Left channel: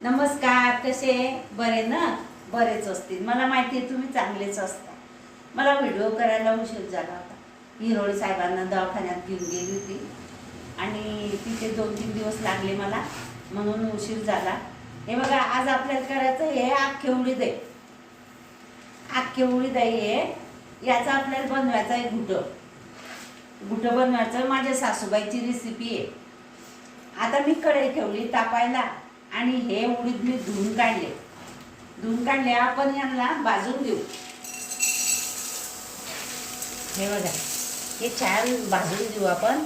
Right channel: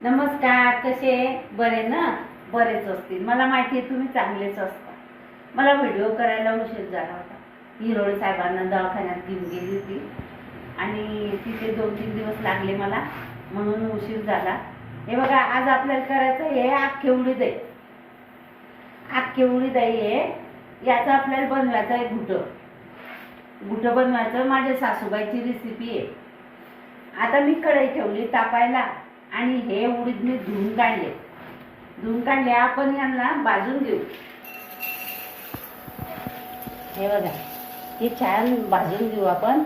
नमस्कार, कसे बरे ना? बरेच असतील, मला माहिती आहे तुम्ही चांगलेच असता. मला व्हिडिओ करायला उशीर झाला होता. हिरोळ साहेबांना दवाखान्यात घेऊन गेली होती आणि तिथे 2-3 दिवस लागले मला, म्हणून उशीर झाला. हे बघा, आज आपल्याला करायचं हे अख्खे उडीद आहे. अख्खे उडीद आहे हे. याचं आपल्याला बनवायचं आहे घुटं बनवायचं. माझ्या सासूबाईची रेसिपी आहे. आता मी कढई ठेवली तापायला आणि हे उडीद मी धुवून काढले. आपण यांना भाजून घेऊ. हे बघा, हे छान भाजून घेऊ आपण.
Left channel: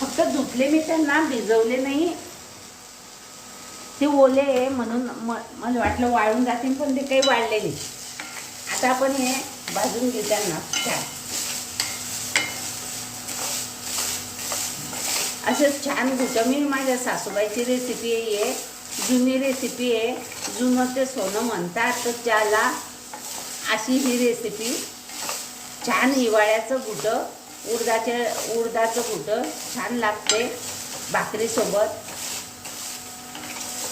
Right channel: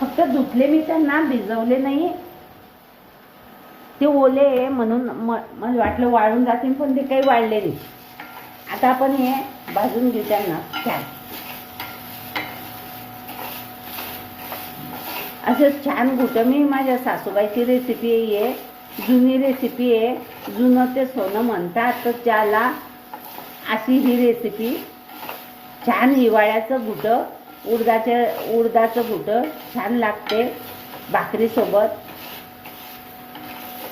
फक्त धुतले मी, त्यांना भिजवले नाही. ते ओले आहे म्हणून मला वाटलं वाळून जातील, पण ते काही वाळले नाही. आता आपण हे भाजून घेऊ त्यांना छान. असं छान घुटं. मी माझ्या सासूबाईची रेसिपी आहे, जुनी रेसिपी आहे. जुनं ते सोनं म्हणतात, तर त्याला अशी ही रेसिपी. छान हिवाळ्याचं घुटं, उडदाचं घुटं छान लागते भाकरीसोबत.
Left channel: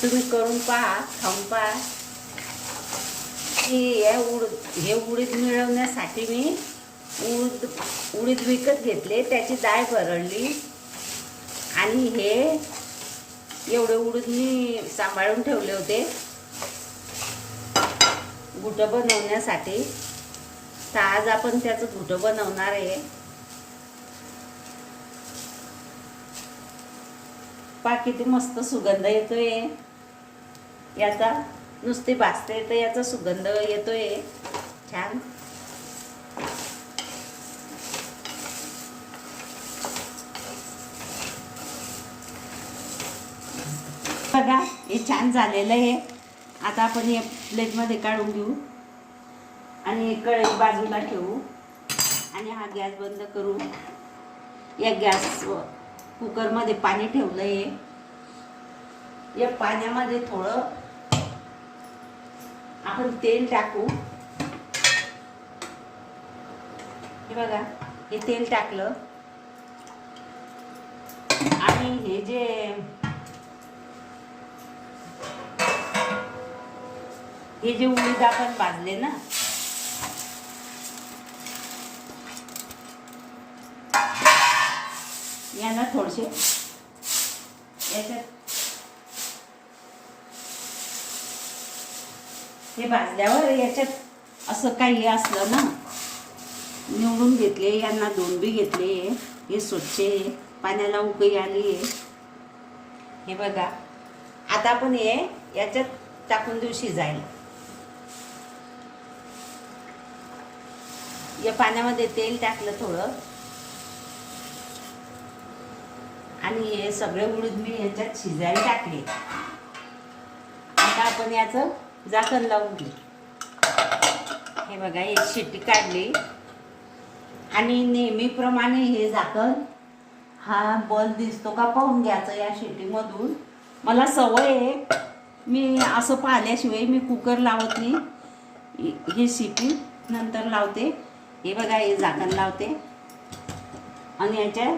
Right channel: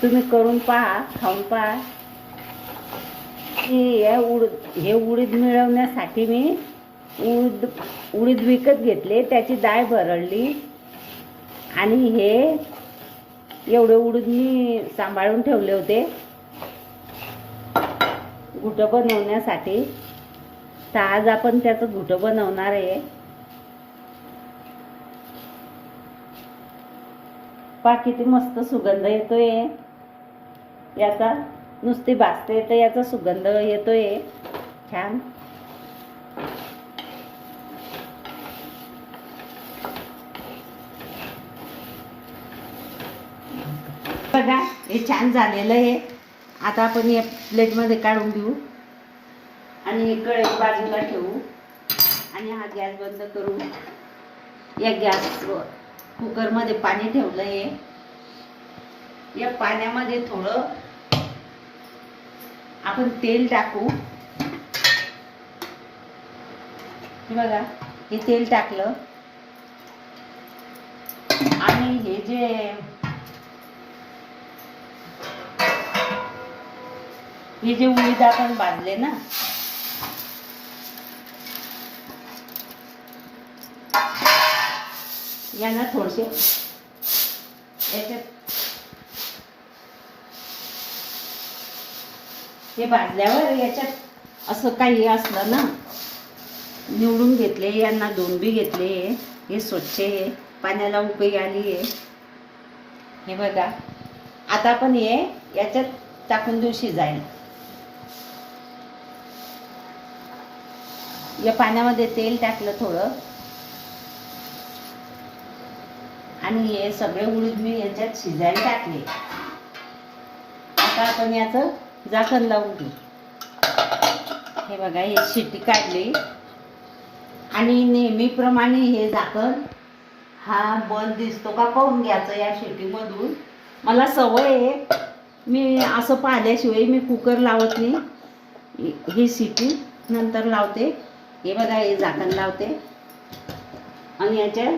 तुम्ही करून पहा, खाऊन पहा. हे उडीद मिळवण्यासाठी मी उडीद विकत घेतले, त्याची डाळ भरडली आणि हे एवढे उडीद मी सांभाळून ठेवले होते घुटं बनवण्यासाठी. तर आज आपण त्याचं घुटं बनवणार आहे. पहा किती मस्त सुगंध येतोय याचा. नुसती भाजते तर याचा सुगंध येतोय छान. बघा, हे छान झालेलं आहे. आता आपण या प्लेटमध्ये काढून घेऊ आणि कढई बाजूला ठेवू आणि हा गॅस बंद करू. या गॅसवर कुकरमध्ये पाणी ठेवलं आहे. या पाण्यामध्ये थोडं आपण तेल टाकू. हे बघा, हे तेल टाकलं आणि हे जे उडीद आपण भाजले ना, यांना थोडेसे याच्यात हे भाजल्यावर याच्यात असं काही असलं ना, निवडून घेतले. यांना 2 बी घेतले. हे स्वच्छ आहे, पाण्याला उकळी आली आहे. हे बघा, आता आपण हे याच्यात टाकून देऊ शिजायला. या पाण्यामध्ये तेल टाकलं थोडं आणि हे सगळे उडीद मी याच्यात शिजायला टाकले. आता आपण याचं झाकण लावून घेऊ. हे बघा, हे शिट्टी काढली आणि नेहमीप्रमाणे हे झाकण हा बंद दिसतो का पाहून घ्यायचं या शिट्टीमधून. मला सवय आहे, मी असं पाहिल्याशिवाय मी कुकर लावत नाही. ही शिट्टी नंतर लावते. हे बघा, हे झाकण लावते आणि याच्या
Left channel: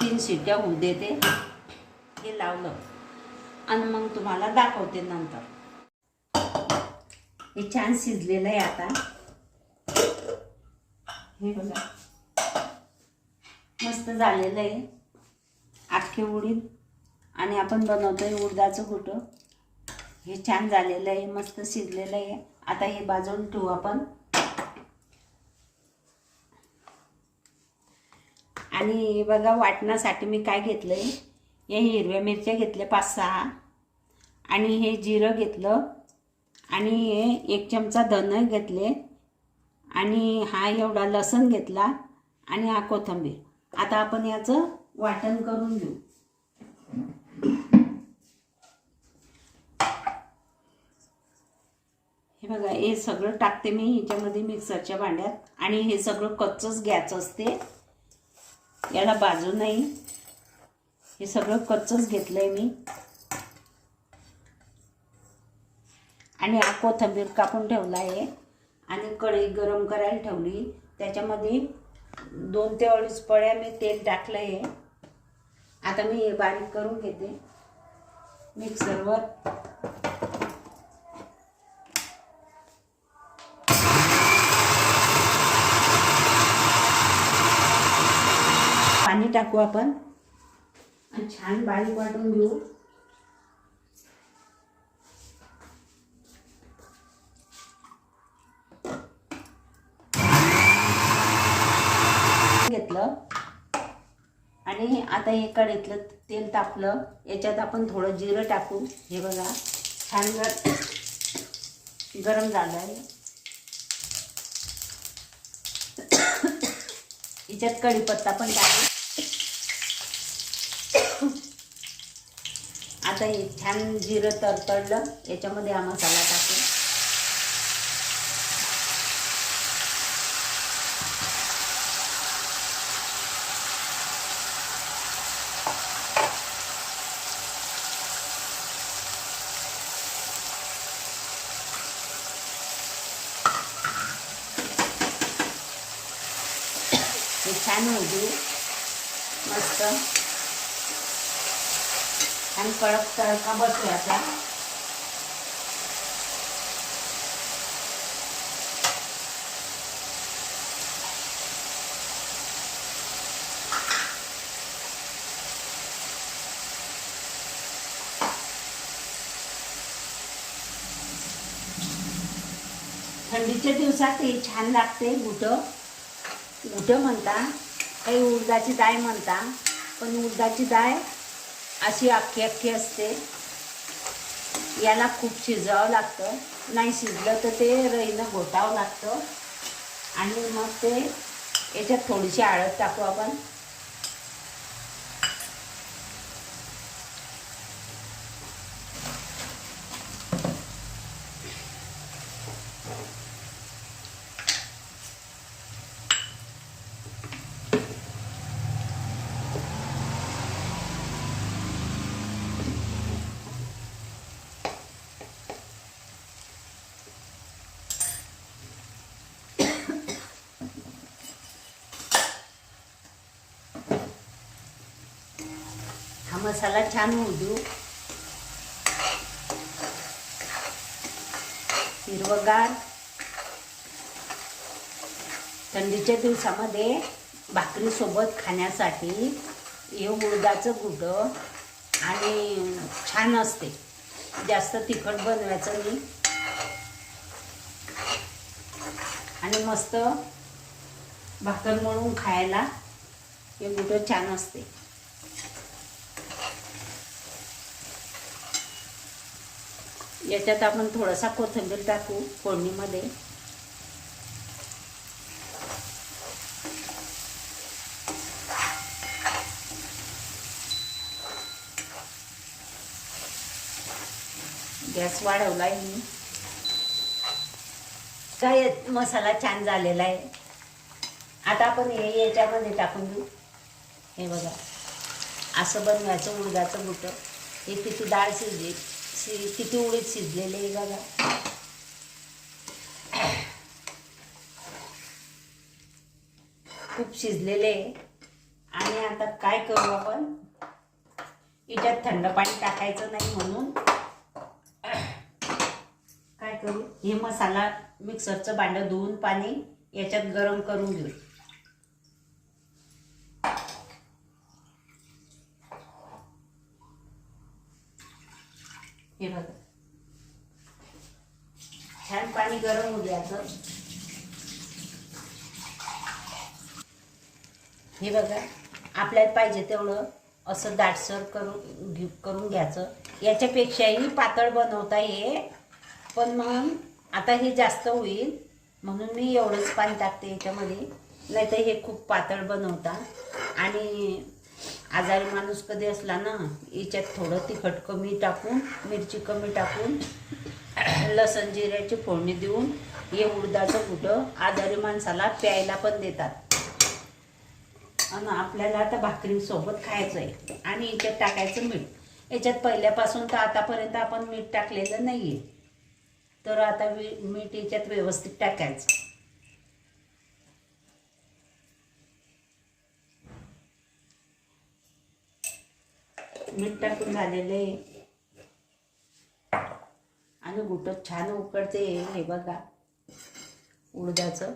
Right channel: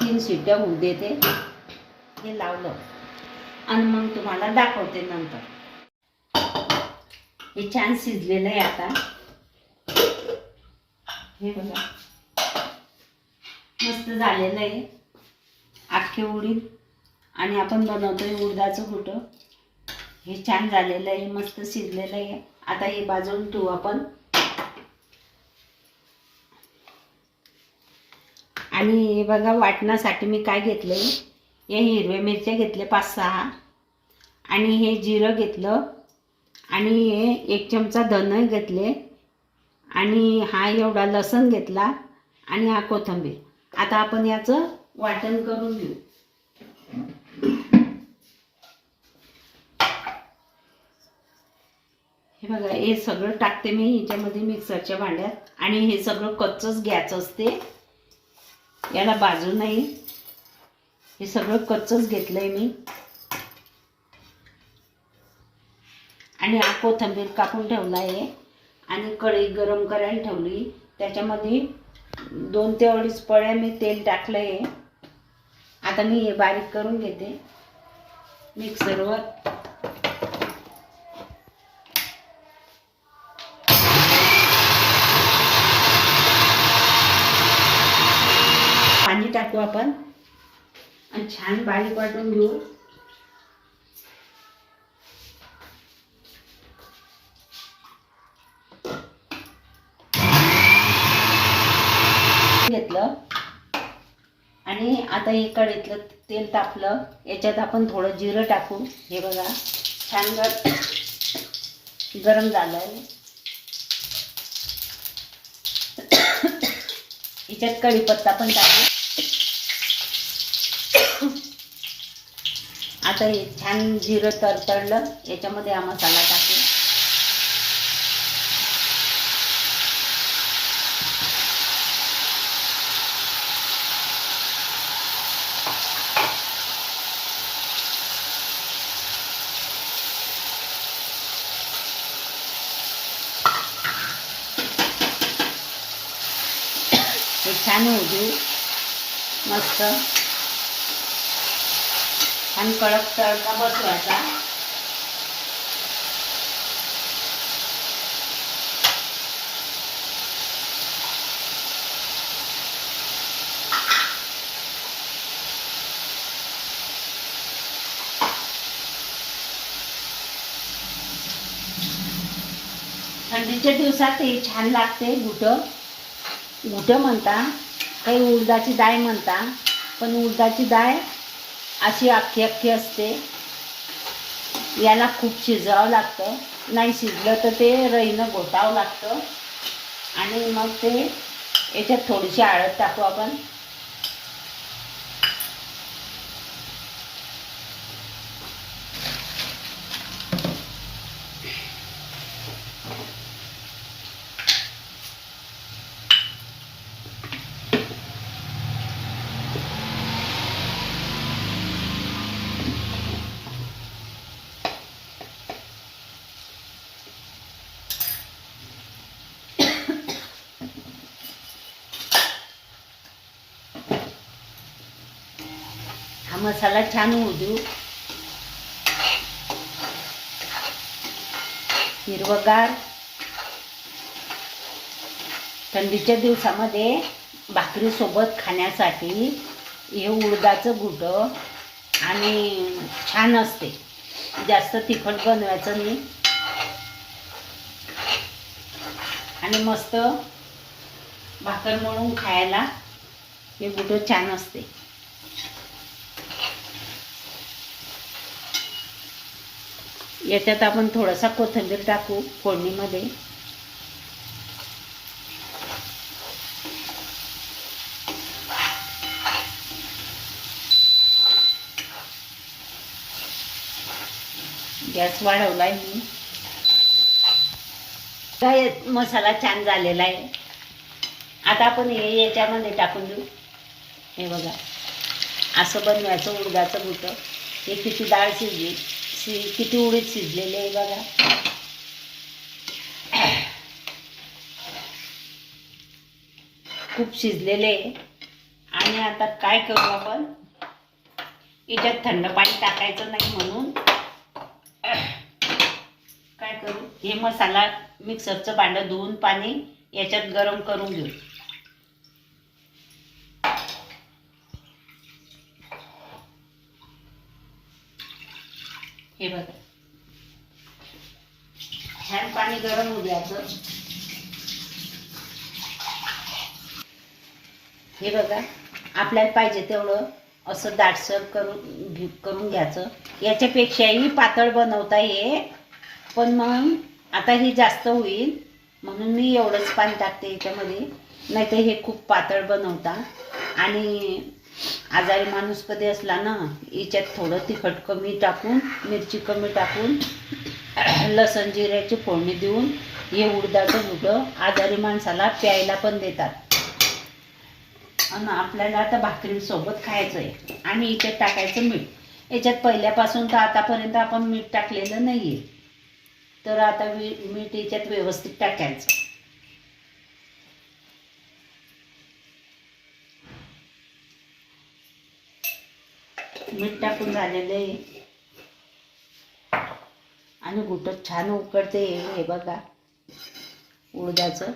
3 शिट्ट्या होऊ देते. हे लावलं आणि मग तुम्हाला दाखवते नंतर. हे छान शिजलेलं आहे आता. हे बघा, मस्त झालेलं आहे अख्खे उडीद आणि आपण बनवतोय उडदाचं घुटं. हे छान झालेलं आहे, मस्त शिजलेलं आहे. आता हे बाजून ठेवू आपण. आणि हे बघा, वाटण्यासाठी मी काय घेतलं आहे. हे हिरव्या मिरच्या घेतल्या 5-6 आणि हे जिरं घेतलं आणि हे 1 चमचा धने घेतले आणि हा एवढा लसूण घेतला आणि हा कोथिंबीर. आता आपण याचं वाटण करून घेऊ. हे बघा, हे सगळं टाकते मी ह्याच्यामध्ये मिक्सरच्या भांड्यात आणि हे सगळं कच्चंच घ्यायचं असते, याला भाजू नाही. हे सगळं कच्चंच घेतलंय मी आणि हा कोथिंबीर कापून ठेवला आहे आणि कढई गरम करायला ठेवली. त्याच्यामध्ये 2 ते 2.5 पळ्या मी तेल टाकलं आहे. आता मी हे बारीक करून घेते मिक्सरवर. पाणी टाकू आपण आणि छान बारीक वाटून घेऊ. घेतलं आणि आता हे कढईतलं तेल तापलं. याच्यात आपण थोडं जिरं टाकू. हे बघा छान गरम झालं आहे. याच्यात कढीपत्ता पण टाकू. आता हे छान जिरं तडतडलं. याच्यामध्ये हा मसाला टाकू. हे छान होऊ देऊ. मस्त छान कडक तडका बसवायचा. थंडीच्या दिवसात हे छान लागते. घुटं म्हणता, काही उडदाची डाळ म्हणता, पण उडदाची डाळ अशी अख्खी अख्खी असते. याला खूप शिजवावं लागतं. नाही शिजलं तर ते रईनं घोटावं लागतं. आणि मग ते याच्यात थोडीशी हळद टाकू आपण. हा मसाला छान होऊ देऊ. हिरवगार थंडीच्या दिवसामध्ये भाकरीसोबत खाण्यासाठी हे उडदाचं घुटं आणि छान असते. जास्त तिखट बनवायचं नाही आणि मस्त भाकर म्हणून खायला हे घुटं छान असते. याच्यात आपण थोडासा कोथिंबीर टाकू फोडणीमध्ये. गॅस वाढवलाय मी. काय मसाला छान झालेला आहे. आता आपण हे याच्यामध्ये टाकून देऊ. हे बघा असं बनवायचं उडदाचं घुटं. हे किती डाळ शिजली, किती उडीद शिजलेले आहे बघा. खूप शिजलेले आहे. आणि आता काय करू आपण, याच्यात थंड पाणी टाकायचं नाही म्हणून काय करू, हे मसाला मिक्सरचं भांडं धुवून पाणी याच्यात गरम करून घेऊ. हे बघा छान पाणी गरम होऊ द्यायचं. हे बघा आपल्याला पाहिजे तेवढं असं दाटसर करून घ्यायचं. याच्यापेक्षाही पातळ बनवता ये, पण मग आता हे जास्त होईल म्हणून मी एवढंच पाणी टाकते याच्यामध्ये. नाही तर हे खूप पातळ बनवता. आणि आजारी माणूस कधी असला ना, याच्यात थोडं तिखट कमी टाकून, मिरची कमी टाकून, लसण जिऱ्याची फोडणी देऊन हे उडदाचं घुटं आजारी माणसाला प्यायला पण देतात. आणि आपल्याला आता भाकरीसोबत खायचं आहे. आणि याच्यात टाकायचं मीठ. याच्यात पहिल्यापासून तर आतापर्यंत आपण मीठ टाकलेलं नाही आहे. तर आता मीठ याच्यात व्यवस्थित टाकायचं. मीठ टाकून झालेलं आहे आणि घुटं छान उकडते. हे बघा उडदाचं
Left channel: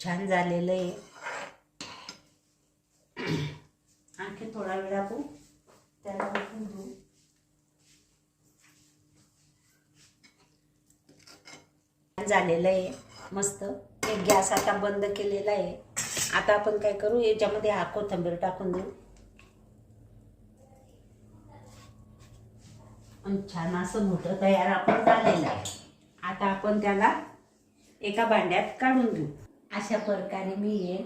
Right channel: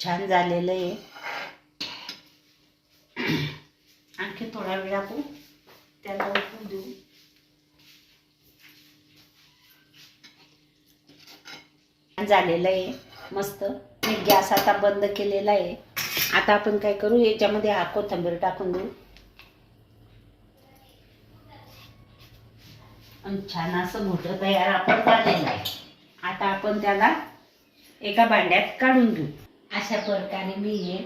छान झालेलं आहे. आणखी थोडा वेळ आपण त्याला उकळून देऊ. झालेलं आहे मस्त. मी गॅस आता बंद केलेला आहे. आता आपण काय करू, याच्यामध्ये हा कोथिंबीर टाकून देऊ आणि छान असं घुटं तयार आपण झालेलं आहे. आता आपण त्याला एका भांड्यात काढून घेऊ. अशा प्रकारे मी हे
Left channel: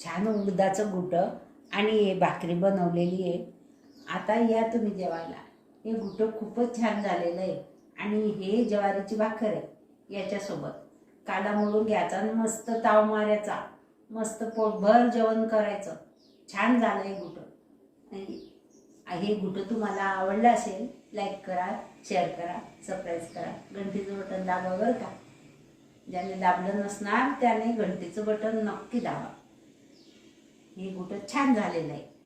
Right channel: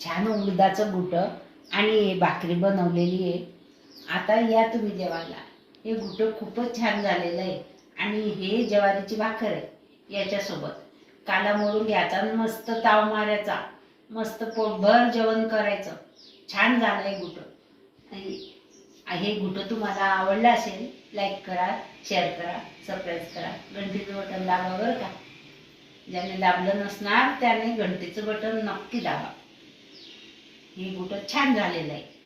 छान उडदाचं घुटं आणि हे भाकरी बनवलेली आहे. आता या तुम्ही जेवायला. हे घुटं खूपच छान झालेलं आहे आणि हे ज्वारीची भाकर आहे. याच्यासोबत काला मोडून घ्यायचा आणि मस्त ताव मारायचा. मस्त पोटभर जेवण करायचं. छान झालं आहे घुटं. हे घुटं तुम्हाला आवडलं असेल, लाईक करा, शेअर करा, सबस्क्राईब करा, घंटीचं बटन दाबा बरं का. ज्याने दाबलं नसणार त्याने घंटीचं बटन नक्की दाबा. हे घुटं छान झालेलं आहे.